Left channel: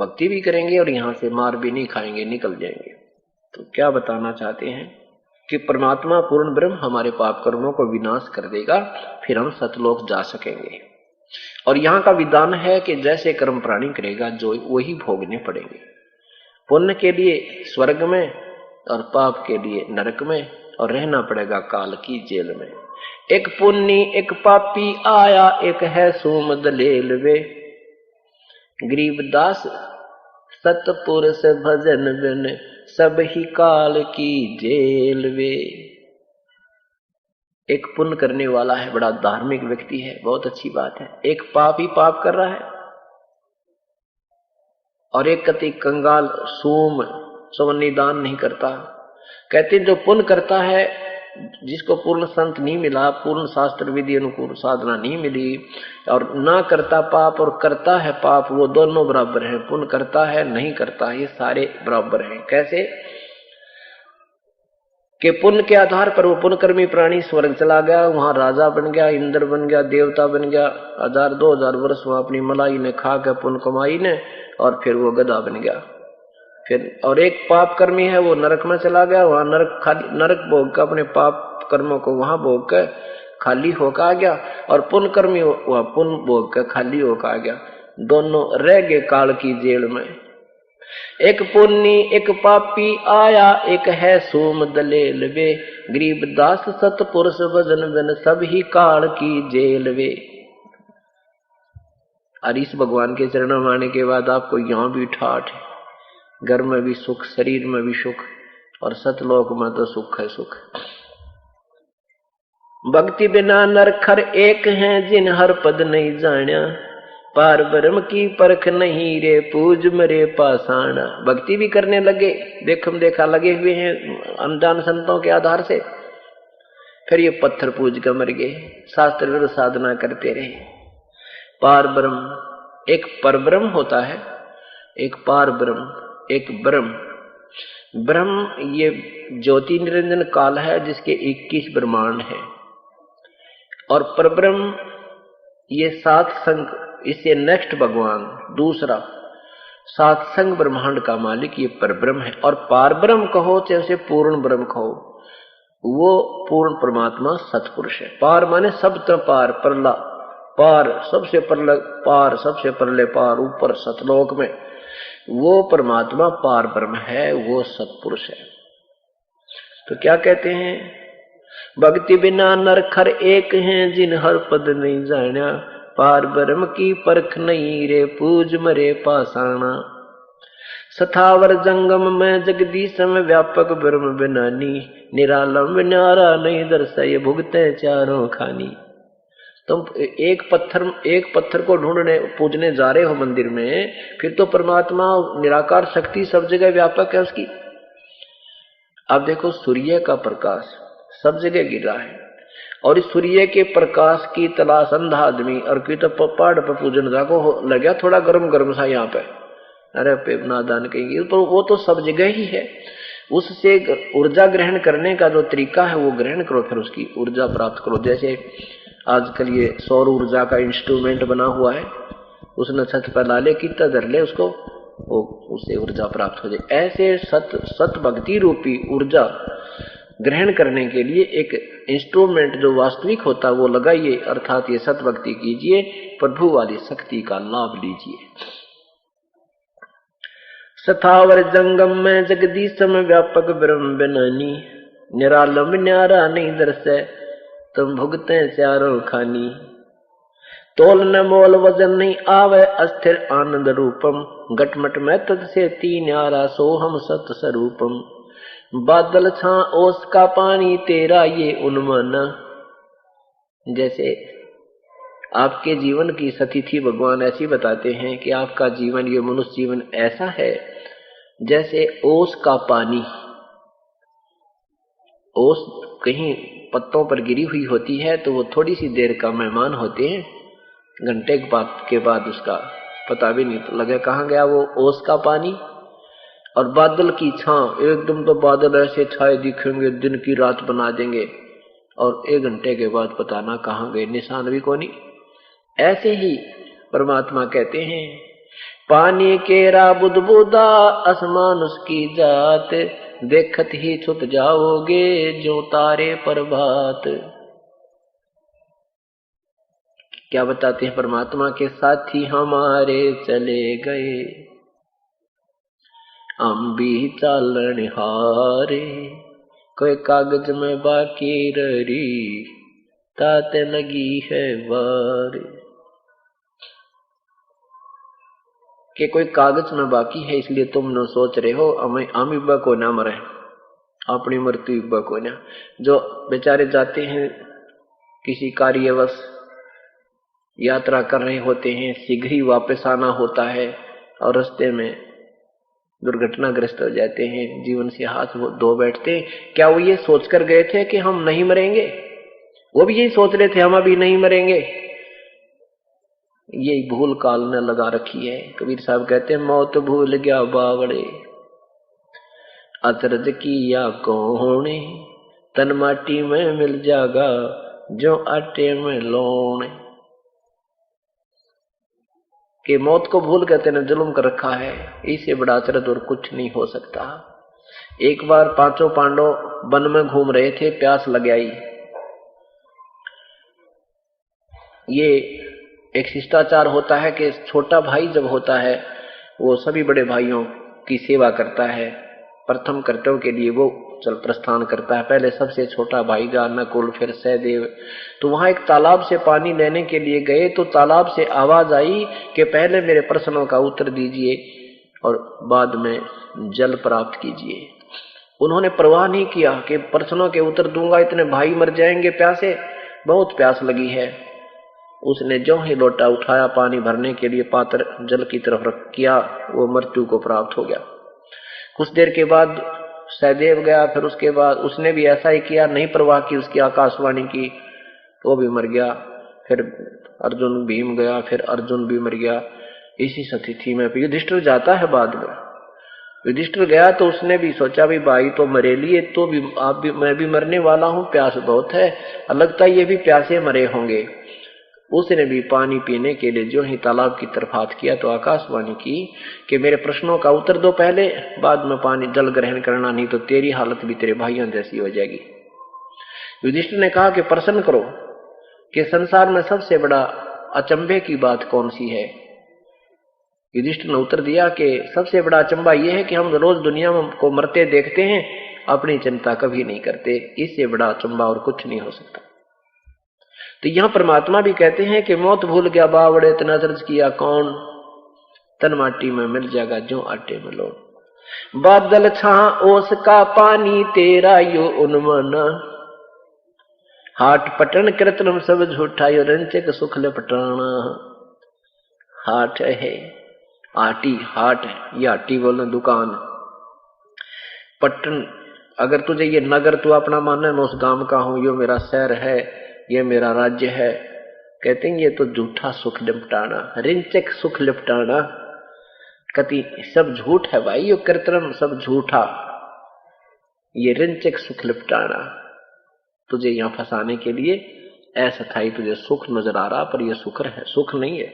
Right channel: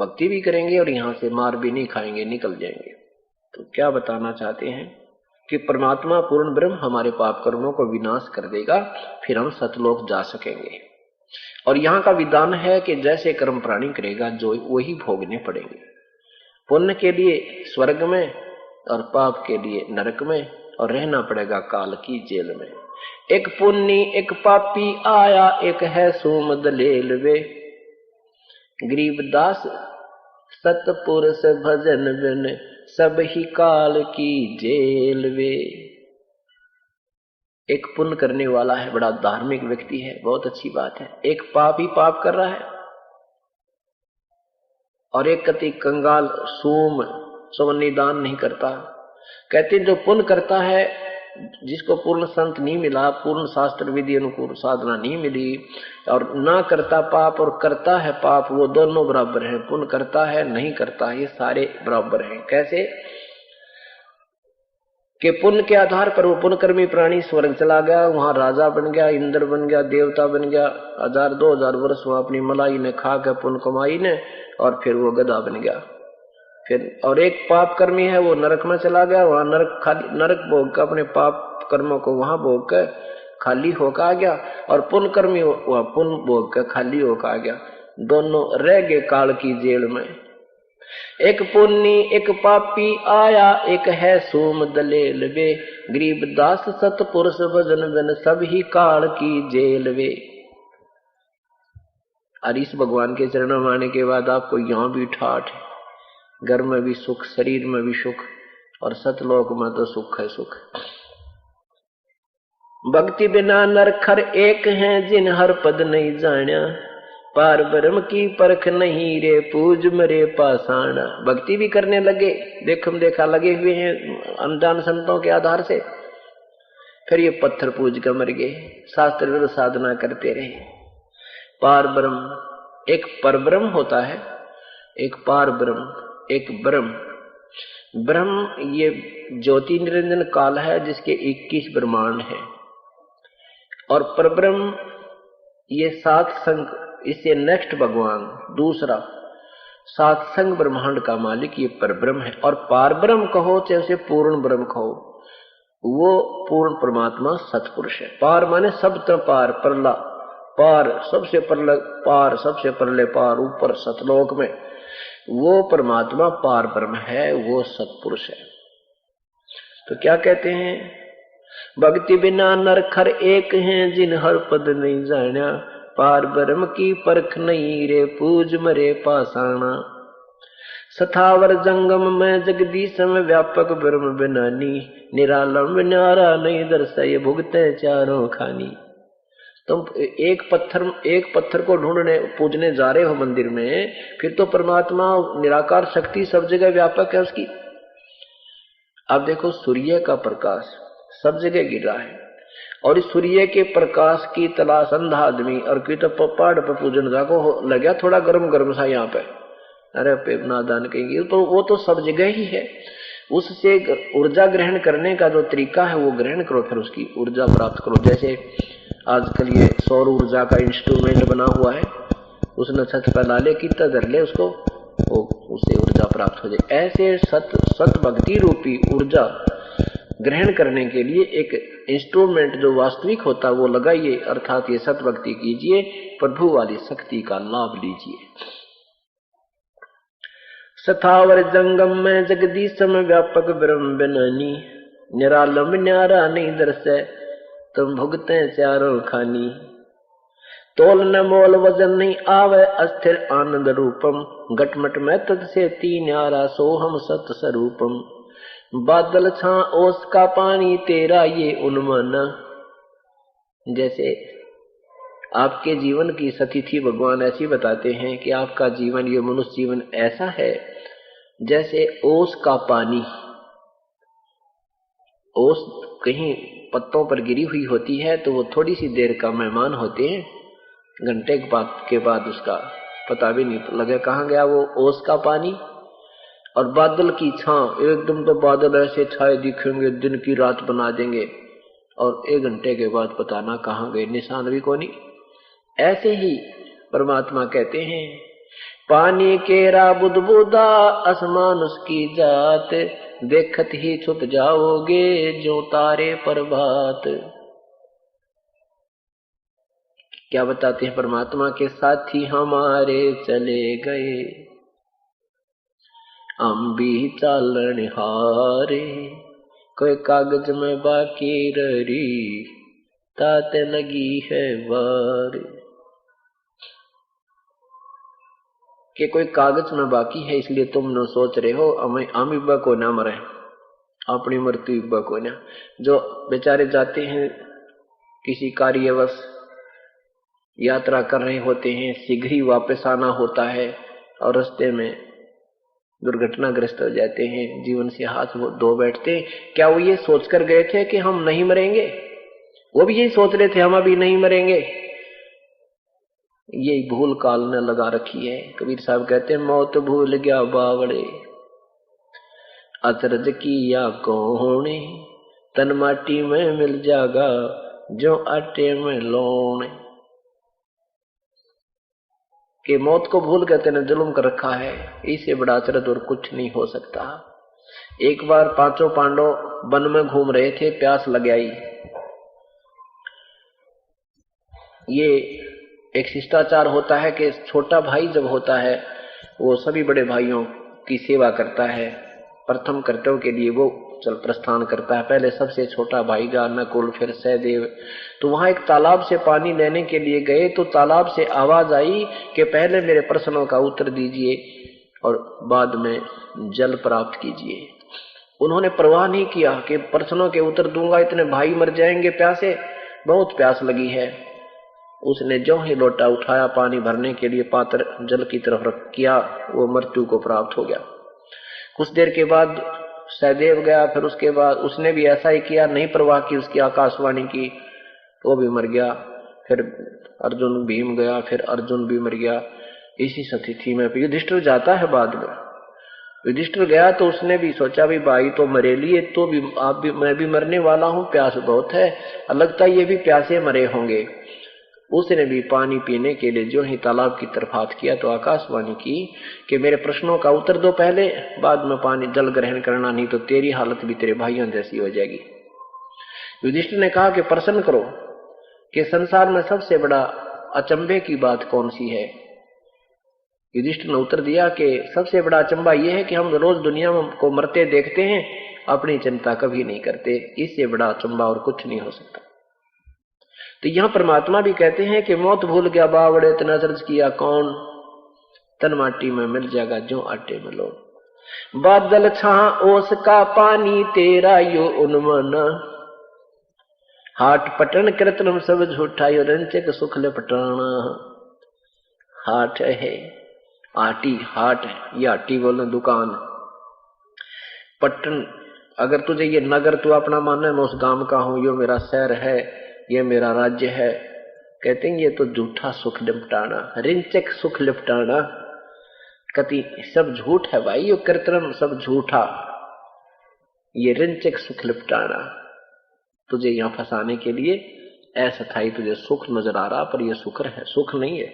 भक्ति भी करेंगे और यहाँ से मार भी नहीं खाएंगे, निकल जाएंगे। तो क्या बताना चाहते हैं कि परमात्मा पूर्ण ब्रह्म हमारे पाप कर्मों को विनाश कर देगा, फिर हम सतलोक जा सकेंगे। और यहाँ का विधान है कि जैसे कर्म प्राणी करेगा जो वही भोगने पड़ेंगे। पुण्य के लिए स्वर्ग में और पाप के लिए नरक में, और रहना पड़ेगा काल की जेल में। एक पुण्य एक पापी आया, एक है सोम दलेल वे, गरीबदास सतपुरुष भजन बिन, सब ही काल की जेल वे। एक पुण्य करने वाला है, बड़ा धार्मिक व्यक्ति है, बहुत अच्छी बात है। एक पाप ही पाप कर रहा है, और एक कति कंगाल सूम सवनी दान नहीं करता। कहते जो पुण्य करता है, जिसको पूर्ण संत नहीं मिला, पूर्ण शास्त्र विधि अनुकूल साधना नहीं मिली, और ना करता पाप और करता है पाप, वो दोनों बराबर हैं। पुण्य करता है नहीं करता, ये सारे बराबर हैं। कैसे कि पुण्य के आधार पर वो पुण्यकर्मी प्राणी स्वर्ग चला गया, वहां राजा बन गया, इंद्र बन गया, देवता बन गया, 1000-2000 वर्ष वहां अपनी मलाई ने खा के पुण्य कमाई ने, और फिर वो गधा बन गया। फिर और एक पाप कर्मी है, वो नरक में चला गया, वहां नरक भोग कर अपने पाप कर्मों को वहां भोग कर खाली होकर आ गया, और पुण्य कर्मी वह पुण्य भोग कर खाली होकर आ गया। दोनों रह गए काल की जेल में। एक पुण्य एक पापी आया, एक है सोम दलेल वे, गरीबदास सतपुरुष भजन बिन, सब ही काल की जेल वे। और इस भगवान के चरणों में आने के बाद आपको यहाँ भी ठाठ है, घर में भी सुख, शरीर में भी सुख, और सतलोक में तो सुख है सुख। भक्ति बिना नरखर एक हैं, जिन हर पद नहीं जान्या, पार ब्रह्म की परख नहीं रे, पूज मरे पाषाण। भक्ति भी करने लगे, देखम देखा लगे हुए हैं अनजान संतों के आधार से, फिर ये पत्थर पूज कर मर गए, शास्त्र विरुद्ध साधना करते रहे। पार ब्रह्म, एक परब्रह्म होता है, एक पार ब्रह्म, एक ब्रह्म। ब्रह्म ये ज्योति निरंजन काल है, जिसके 21 ब्रह्मांड है, और परब्रह्म ये 7 संग, इससे नेक्स्ट भगवान दूसरा 7 संग ब्रह्मांड का मालिक ये परब्रह्म है। और पार ब्रह्म कहो चाहे पूर्ण ब्रह्म कहो, वो पूर्ण परमात्मा सतपुरुष है। पार माने सब तरह पार, परला पार, सबसे परला पार, सबसे परले पार, ऊपर सतलोक में वो परमात्मा पार ब्रह्म है, वो सतपुरुष है। तो क्या कहते हैं, भक्ति बिना नरखर एक हैं, जिन हर पद नहीं जान्या, पार ब्रह्म की परख नहीं रे, पूज मरे पाषाणा। सथावर जंगम में जगदीश में, व्यापक ब्रह्म बिनानी, निरालंब न्यारा नहीं दर्शाए, भुगते चारों खानी। तुम एक पत्थर को ढूंढने पूजने जा रहे हो मंदिर में, फिर तो परमात्मा निराकार शक्ति सब जगह व्यापक है उसकी। अब देखो सूर्य का प्रकाश सब जगह गिर रहा है, और इस सूर्य के प्रकाश की तलाश अंधा आदमी, और कोई तो पहाड़ पर पूजन जाको लगा थोड़ा गर्म गर्म सा यहाँ पे, अरे पे नादान कहेंगे, तो वो तो सब जगह ही है। उससे ऊर्जा ग्रहण करने का जो तरीका है वो ग्रहण करो, फिर उसकी ऊर्जा प्राप्त करो। जैसे आजकल ये सौर ऊर्जा का इंस्ट्रूमेंट बना हुआ है, उसने छत पर ला ले, कितना धर ले उसको, वो उससे ऊर्जा प्राप्त हो जाए। ऐसे सत भक्ति रूपी ऊर्जा ग्रहण करने के लिए एक इंस्ट्रूमेंट जो वास्तविक होता है वो लगाइए, अर्थात ये सत भक्ति कीजिए, प्रभु वाली शक्ति का लाभ लीजिए। सथावर जंगम में जगदीश में, व्यापक ब्रह्म बिनानी, निरालंब न्यारा नहीं दर्शे, तुम भुगते चारों खानी। तोल न मोल वजन नहीं आवे, अस्थिर आनंद रूपम, घटमट में तद से तीन न्यारा, सोहम सत स्वरूपम। बादल छा ओस का पानी, तेरा ये उन्मन। जैसे आपके जीवन की सतिथि भगवान ऐसी बताते हैं कि आपका जीवन, ये मनुष्य जीवन ऐसा है जैसे ओस का पानी। ओस कहीं पत्तों पर गिरी हुई होती है तो वो थोड़ी सी देर का मेहमान होते हैं, घंटे के बाद उसका पता भी नहीं लगे कहाँ गया वो ओस का पानी। और बादल की छां, एकदम तो बादल ऐसे छाए दिखेंगे, दिन की रात बना देंगे, और 1 घंटे के बाद पता ना कहाँ गए, निशान भी कोनी। ऐसे ही परमात्मा कहते हैं पानी केरा बुदबुदा आसमान उसकी जात, देखत ही छुट जाओगे जो तारे प्रभात। क्या बताते हैं परमात्मा के साथी हमारे चले गए, हम भी चालन हारे, कोई कागज में बाकी रही ताते लगी है बारी। कि कोई कागज में बाकी है इसलिए तुम न सोच रहे हो हम इब्बा को ना मरे, अपनी मृत्यु इब्बा को ना। जो बेचारे जाते हैं किसी कार्यवश यात्रा कर रहे होते हैं, शीघ्र ही वापस आना होता है और रास्ते में दुर्घटनाग्रस्त हो जाते हैं, जीवन से हाथ धो बैठते हैं। क्या वो ये सोचकर गए थे कि हम नहीं मरेंगे? वो भी यही सोच रहे थे हम अभी नहीं मरेंगे। यही भूल काल ने लगा रखी है। कबीर साहब कहते हैं मौत भूल गया बावड़े, अचरज किया कौने, तन माटी में मिल जागा जो आटे में लोने। कि मौत को भूल के तेने जुल्म कर रखा है, इससे बड़ा अचरज और कुछ नहीं हो सकता। एक बार पांचों पांडव वन में घूम रहे थे, प्यास लग आई। ये एक शिष्टाचार होता है कि छोटा भाई जब होता है वो सभी बड़े भाइयों की सेवा करता है, प्रथम कर्तव्य के लिए वो चल प्रस्थान करता है। पहले सबसे छोटा भाई जा नकुल, फिर सहदेव। तो वहां एक तालाब से पानी लेने के लिए गए तो तालाब से आवाज आई कि पहले मेरे प्रश्नों का उत्तर दीजिए और बाद में जल प्राप्त कीजिए। उन्होंने परवाह नहीं किया कि प्रश्नों के उत्तर दूंगा इतने भाई मर जाएंगे प्यासे, बहुत प्यास लगी है। उसने जो ही लोटा उठाया पानी भरने के लिए पात्र जल की तरफ रख किया, वो मृत्यु को प्राप्त हो गया। कुछ देर के बाद सहदेव गया, फिर उसके बाद उसने भी ऐसा ही किया, नहीं परवाह की उसकी आकाशवाणी की, तो वो भी मर गया। फिर अर्जुन भीम गया, फिर अर्जुन भी मर गया। इसी स्थिति में युधिष्ठिर जाता है। बाद में युधिष्ठिर गया तो उसने भी सोचा भी भाई तो मरे लिए, तो भी आप भी मैं भी मरने वाला हूं, प्यास बहुत है, लगता है ये भी प्यासे मरे होंगे। उसने भी पानी पीने के लिए जो ही तालाब की तरफ हाथ किया तो आकाशवाणी की कि मेरे प्रश्नों का उत्तर दो पहले, बाद में पानी जल ग्रहण करना, नहीं तो तेरी हालत भी तेरे भाइयों जैसी हो जाएगी। युधिष्ठिर ने कहा कि प्रश्न करो कि संसार में सबसे बड़ा अचंभे की बात कौन सी है। युधिष्ठिर ने उत्तर दिया कि सबसे बड़ा अचंभा यह है कि हम रोज दुनिया को मरते देखते हैं, अपनी चिंता कभी नहीं करते, इससे बड़ा अचंभा और कुछ नहीं हो सकता। तो यहां परमात्मा भी कहते हैं कि मौत भूल गया बावड़े, इतना अचरज किया कौन, तन माटी में मिल जाएगा जो आटे में लो। बादल छा ओस का पानी तेरा यो उन्मन, हाट पटन कृत्रिम सब झूठा यो रंचक सुख लपटाना। हाट है आटी, हाट है ये आटी बोलना दुकान। पटन अगर तुझे ये नगर तू अपना मानना, मैं उस गांव का हूं, यो मेरा शहर है, ये मेरा राज्य है, कहते हैं ये तो झूठा सुख लिपटाना, रिंचक सुख लिपटाना। कति सब झूठ है भाई, ये कृत्रिम सब झूठा, ये रिंचक सुख लिपटाना। तुझे यहां फंसाने के लिए ऐसा था, तुझे सुख नजर आ रहा पर ये सुख है, सुख नहीं है।